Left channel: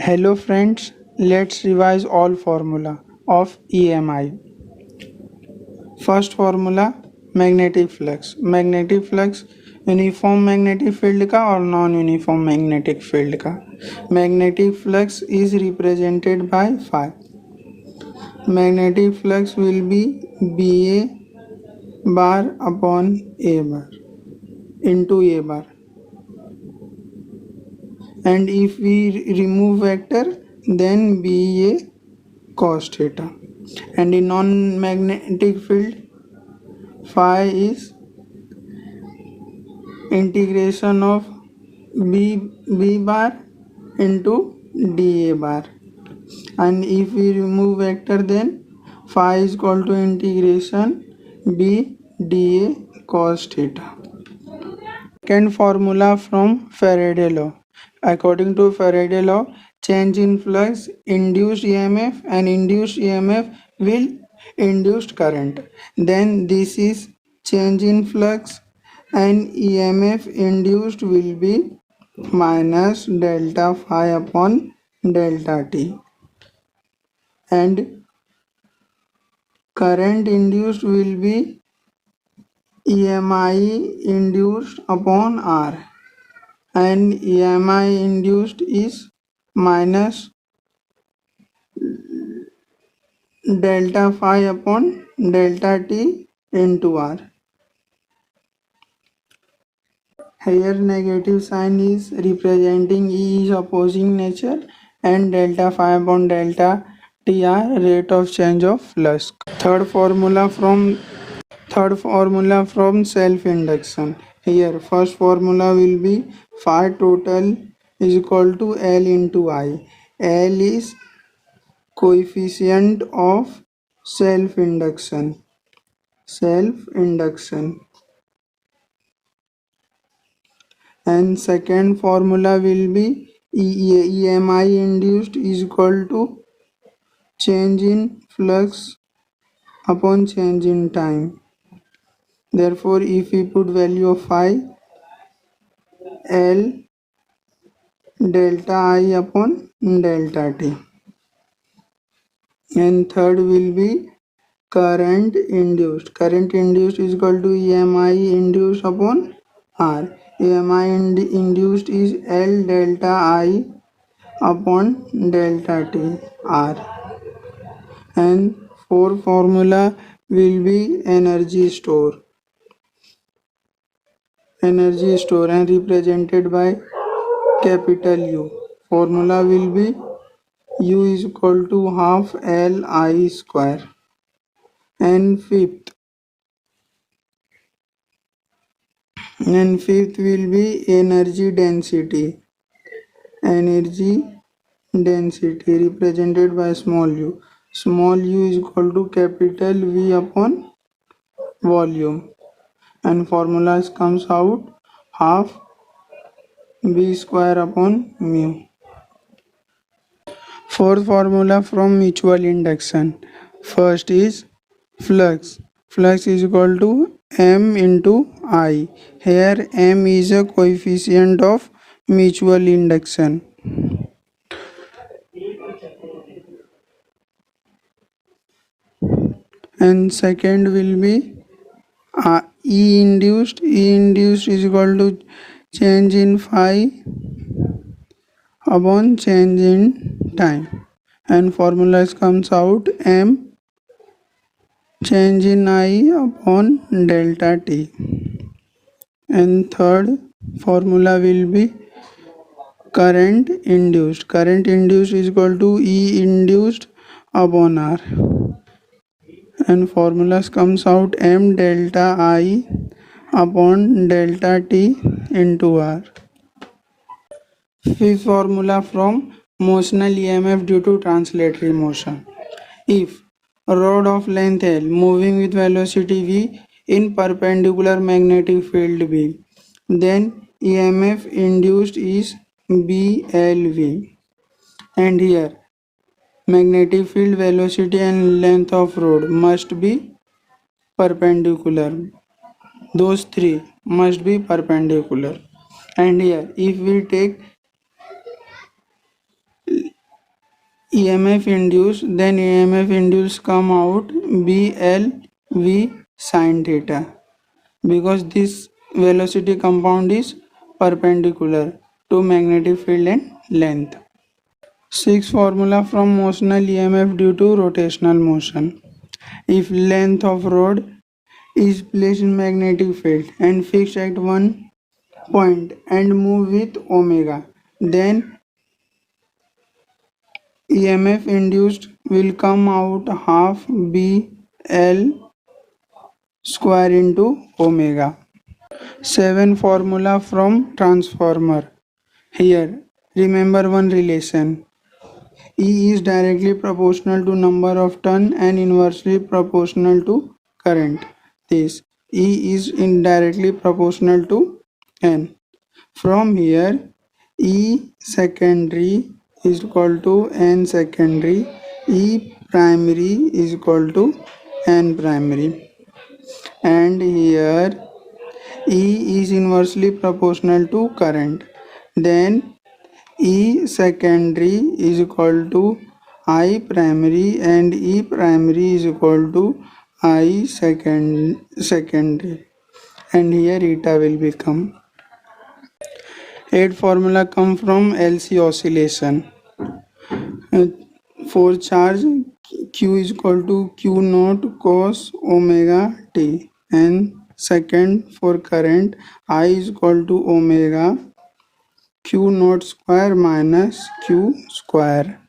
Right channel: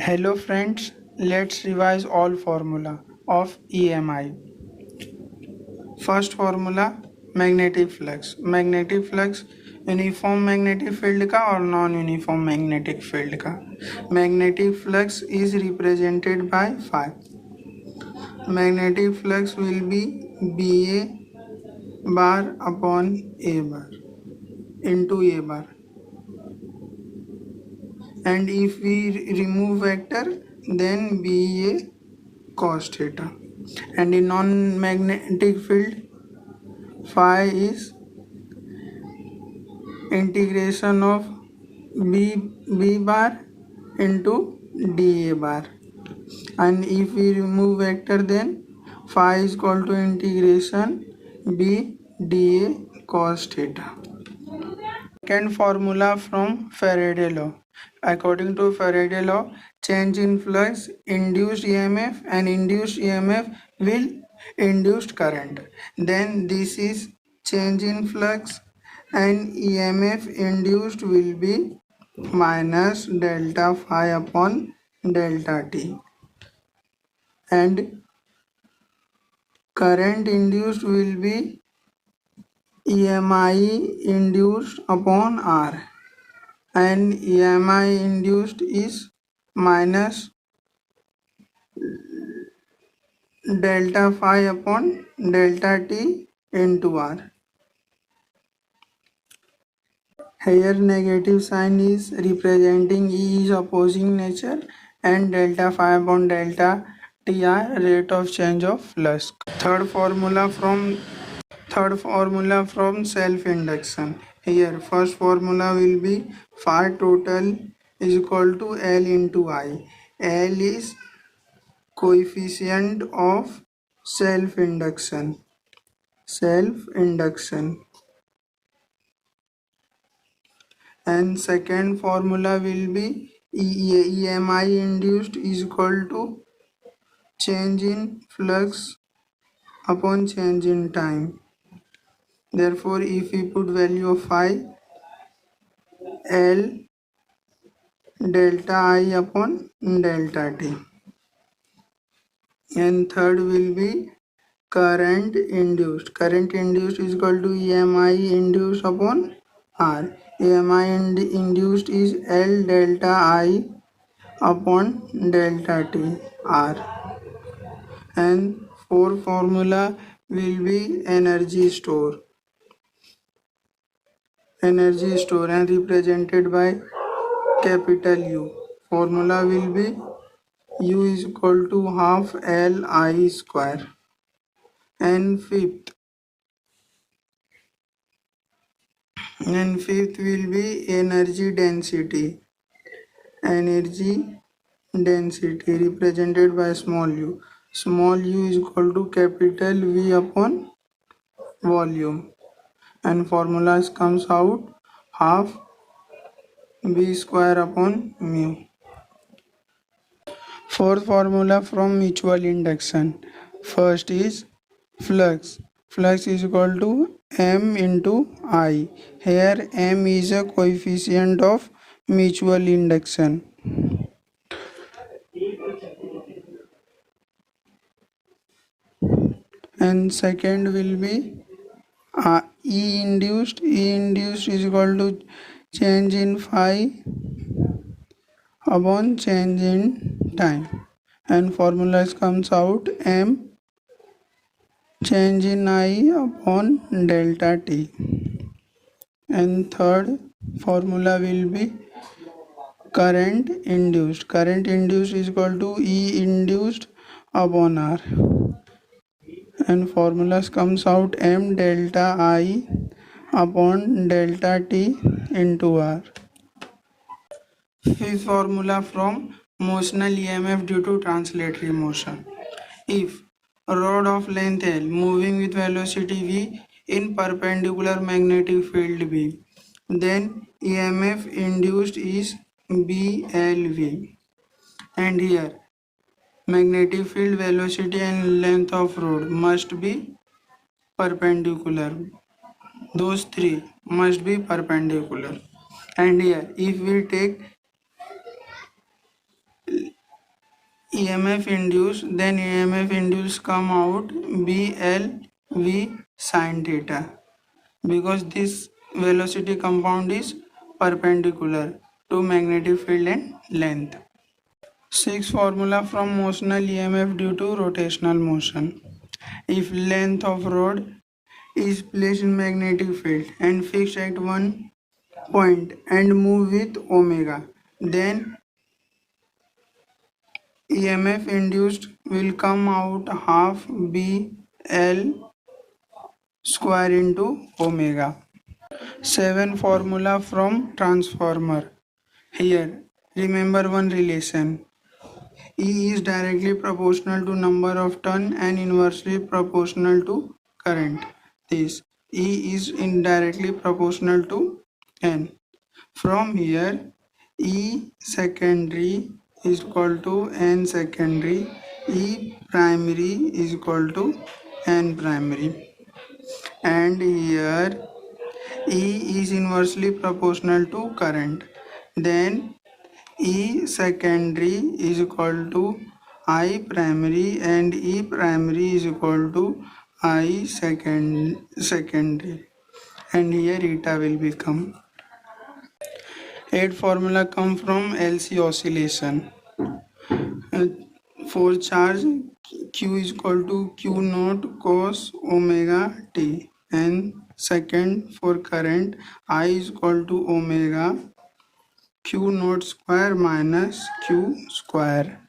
Hello friends, let's revise all formula of EMI. First formula magnetic flux. Magnetic flux uniform magnetic field का और non uniform magnetic field का. Magnetic flux is represented by phi. Magnetic flux will be BA bar upon A bar into A bar, and if we remove vector then BA cos theta. And in non-magnetic field phi is integration of B bar into dA bar, and if we remove vector then phi is equal to integration B dA cos theta. Second formula from Faraday law. According to Faraday law, change in flux induced EMF, and induced EMF will induced current. Then this is change in flux, and EMF induced will be minus delta phi upon delta t, and current induced will be EMI induced upon R, and EMI induced is minus delta phi upon delta t into R. Here negative sign is representing E is opposing nature, and delta phi upon delta t are rate of change of flux. Third formula from self induction. Here first formula will be phi total is equal to L into I. L is coefficient of self induction. And second formula will be EMI induced is equal to change in flux upon change in time. Therefore, if we put value of phi, L delta I upon delta t. And third will be current induced. Current induced is equal to EMI induced upon R. EMI induced is L delta I upon delta t R. And fourth formula will be energy store and represented by capital U. Formula will be U is equal to half L I square. And fifth will be energy density represented by small u. Small u is equal to capital V upon volume, and formulas comes out half B square upon mu. Fourth formula from mutual induction. First is flux. Flux is equal to M into I. Here M is a coefficient of mutual induction. And second will be E induced. E induced is equal to change in phi upon change in time, and formulas comes out M change in I upon delta t. And third formula will be current induced. Current induced is equal to E induced upon R, and formulas comes out M delta I upon delta t into R. Fifth formula from motional EMF due to translatory motion. If a rod of length L moving with velocity v in perpendicular magnetic field B, then EMF induced is BLV. And here magnetic field, velocity and length of rod must be perpendicular. Those three must be perpendicular. And here if we take EMF induced, then EMF induced come out BLV sin theta, because this velocity compound is perpendicular to magnetic field and length. Sixth formula from motional EMF due to rotational motion. If length of rod is placed in magnetic field and fixed at one point and move with omega, then EMF induced will come out half BL square into omega. 7 formula from transformer. Here remember one relation. E is directly proportional to number of turn and inversely proportional to current. This E is indirectly proportional to N. From here E secondary is equal to N secondary, E primary is equal to N primary, and here E is inversely proportional to current. Then E secondary is equal to I primary and E primary is equal to I secondary, and here eta will become. 8 formula come from LC oscillation. For charge Q is equal to Q naught cos omega t, and second for current I is equal to omega Q naught square minus Q square.